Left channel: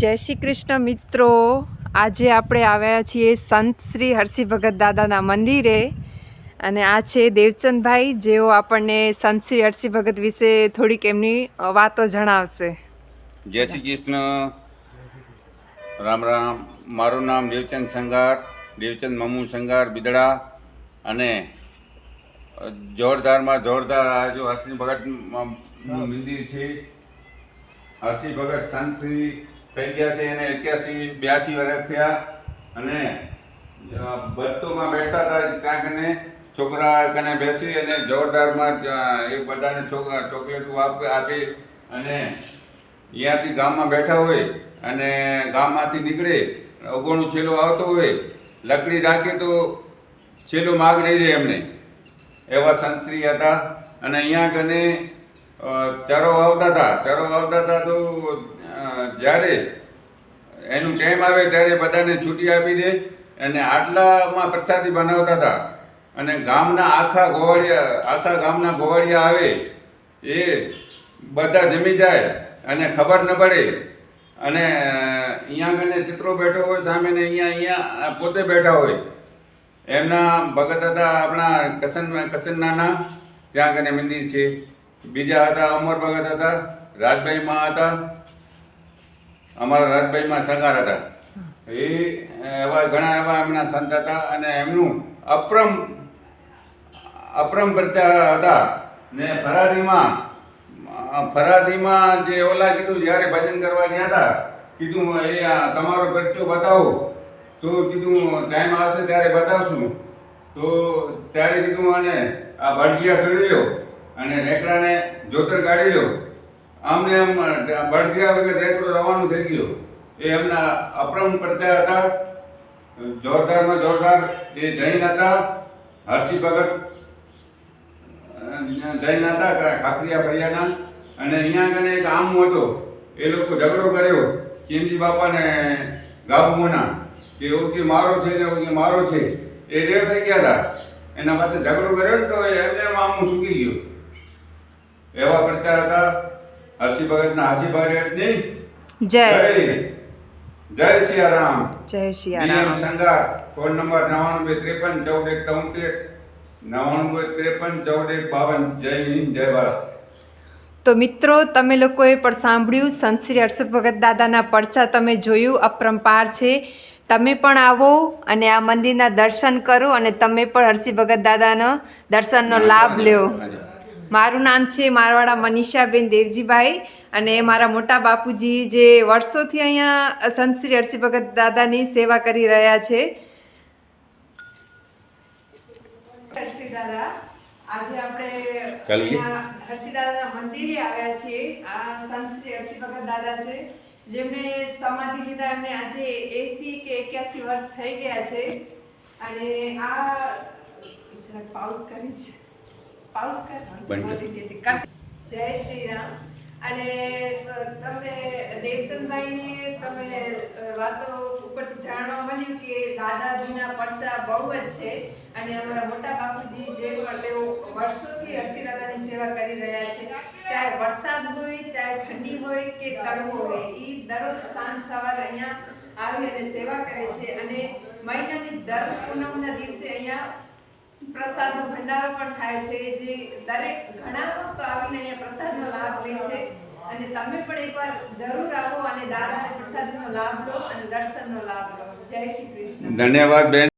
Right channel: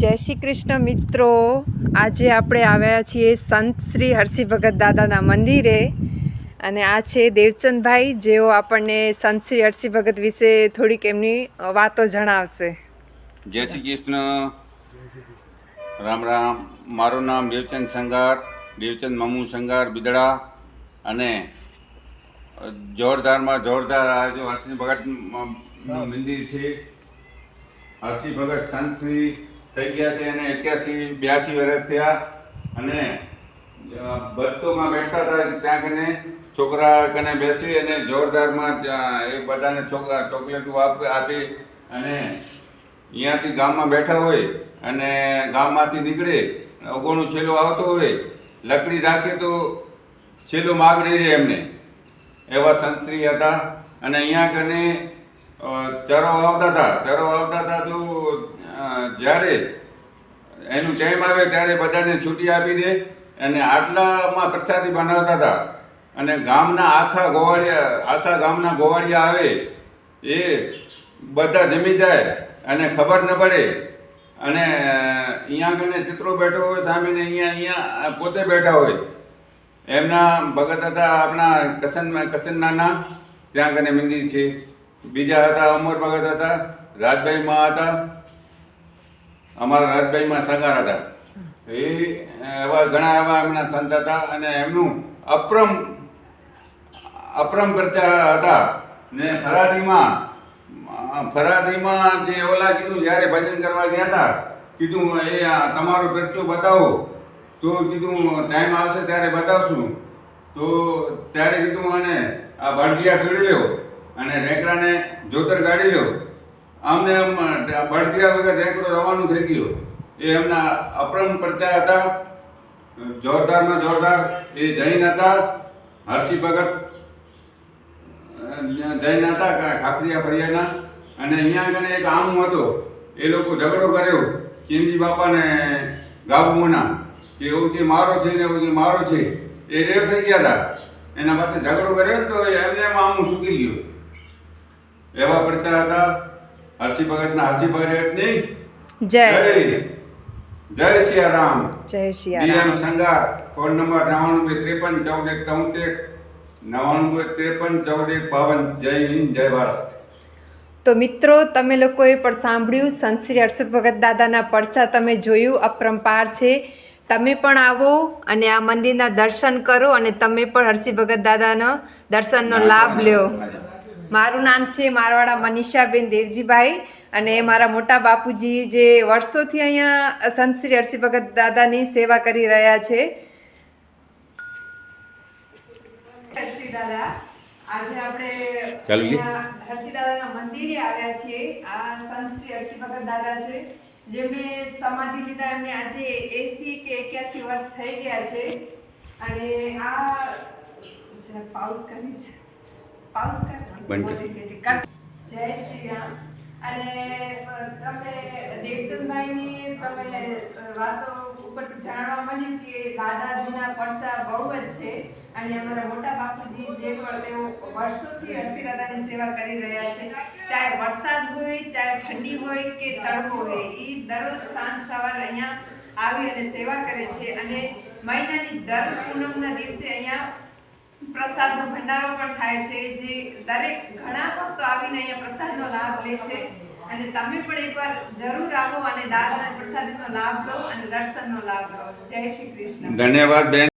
જય શ્રી કૃષ્ણ મિત્રો, આજે આપણે આવ્યા છીએ સંત શ્રી હરસિંહ ભગત દાદાના મંદિરે અને આ છે દેવચંદભાઈ, જેઓ આપણને સંત શ્રી હરસિંહ ભગત વિશે થોડીક એમની વાતો જણાવશે. જય શ્રી કૃષ્ણ, રામ રામ. મારું નામ દેવચંદ સંગાર, દેવચંદ મમુ સંગાર બિદડા. અને જોરદારમાં જોરદાર આ જો હરસિંહ ભગતનું મંદિર છે. હરસિંહ ભગત સંત શ્રી થઈ ગયા છે અને 81-82 વર્ષ થયા. અને બસ્તોમાં બેઠતા હતા ત્યાં કને છોકરા કને બેસી અને જોરદારમાં એ બધાને ચોકલેટો આપી અને અહીંયાથી ગામમાં બેઠા હોય અને ગામમાંથી નીકળે અગોણું છેલ્લો આવતો હોય, લકડી રાખે તો છેલ્લો માગ રહી જાય એમને, એવા સંતશ્રી હતા. અને અહીંયા કને ચરો આવતા હતા તો જ્યારે એનું ટાઈમ આવે ત્યારે બધાને છૂટી આપી દે અને આટલામાં પ્રસાદી બનાવતા હતા. અને ગામના આખા ગામના ગોવાળિયા આવે એ બધા જમી જાય અને ખબર ન પડે. અને અહીંયા કને ચિત્રો બેઠો હોય સામે ને અહીંયા પોતે બેઠા હોય. એમના ભગત હતા આપણા કસનનાના, ત્યાં કને મંદિર છે. બીજા હતા અમર ભગત હતા, રાજભાઈમાં હતા, અમારા રાજભાઈમાં સંગાર હતા. ઘણા એવા એમના સંત હતા અને એમનું અપરમ પ્રચાર હતા. ને ફરાદીમાં જે ઓલા કીધું, જ્યારે ભજન કરવા ગયા હતા કીધું એ તમારો પરચો બતાવો, તો કીધું ટાઈમ આવશે ત્યારે બતાવશું. તો ત્યારે કીધું અને આ ભડકિયા ચડી લો અને રેકડાને જોતર કાઢી લો. આમને એમ ભડકિયા વગર રેકડો રવાનું થઈ ગયો. એ એમના અપરમ પ્રચાર હતા, જોરદારમાં જોરદાર. એ જૈન હતા, હરસિંહ ભગત જૈન હતા, ખાખરિયા ફળિયાના. અને અહીંયા આગળ એક આમું હતો, એ લોકો ઝઘડો કર્યો ચીમજી બાપાને ગાબુના, કે એવું કે મારો છે ને એવું કે મારો છે. એ રેવ થઈ ગયા હતા, એના પાસે ઝઘડો કર્યો ને તો એમને એમ આમું સૂકી ગયું. એવા પ્રચાર હતા હરસિંહ ભગતના. હરસિંહ ભગતની જય જય સિયારામ. જય સિયારામ. Sangar, phone number 9923511473, 9923511452. જય હિન્દ, જય ભારત. તો મિત્રો, તમે લોકોએ પણ સાંભળ્યું, સંત શ્રી હરસિંહ ભગત દાદાના પરચા તમે જોયું, અપરંપાર છે. તમે પણ આવો અને આ મંદિરના દર્શન કરો અને તમે પણ હરસિંહ ભગત દાદાનો દર્શનનો લાભ લ્યો. મારું નામ છે મારવાડા મનીષાબેન દેવજીભાઈ અને મારા મોટા બાપુજી જે વર્ષોથી અહીંયા સંત શ્રી હરસિંહ ભગત દાદાની સેવા કરી રહ્યા છે. હરસિંહ દાદા, આજે આપણે હરસિંહ દાદાના મંદિરે આવ્યા છીએ. આ સંત શ્રી હરસિંહ ભગત દાદા છે, જેમણે સમાધિ લીધા. એમને આજે 80 કે 81 વર્ષ થઈ ગયા છે. અને આ પાઉસ કરીશ, પાઉસ કર. જય શ્રી રામ. અને તમને દેવચંદભાઈની તમે વાતો ઉપરથી જાણવા મળ્યું કે દાદાજીના પરચા બહુ જ છે. અને અમારા મોટા બાપુજી જે પણ તેઓ વર્ષોથી હરસિંહ દાદાની સેવા કરી રહ્યા છે. ચાહે વરસાદ હોય, ચાહે ઠંડી હોય કે તડકો હોય, એ દરરોજ સાંજ સવારે અહીંયા આવી અને સેવા કરે છે. અને મહિનાની દર પૂનમના દિવસે અહીંયા પ્રસાદનો ભંડારો પણ થાય છે, જે દરેક ઘણા ભક્તો આવીને અહીંયા પ્રસાદનો લાભ લે છે. અને તમે પણ એકવાર જરૂર આવો અને દાદાના પ્રસાદનો લાભ લો અને દર્શનનો લાભ લો. જય શ્રી કૃષ્ણ. ધન્યવાદ બેન.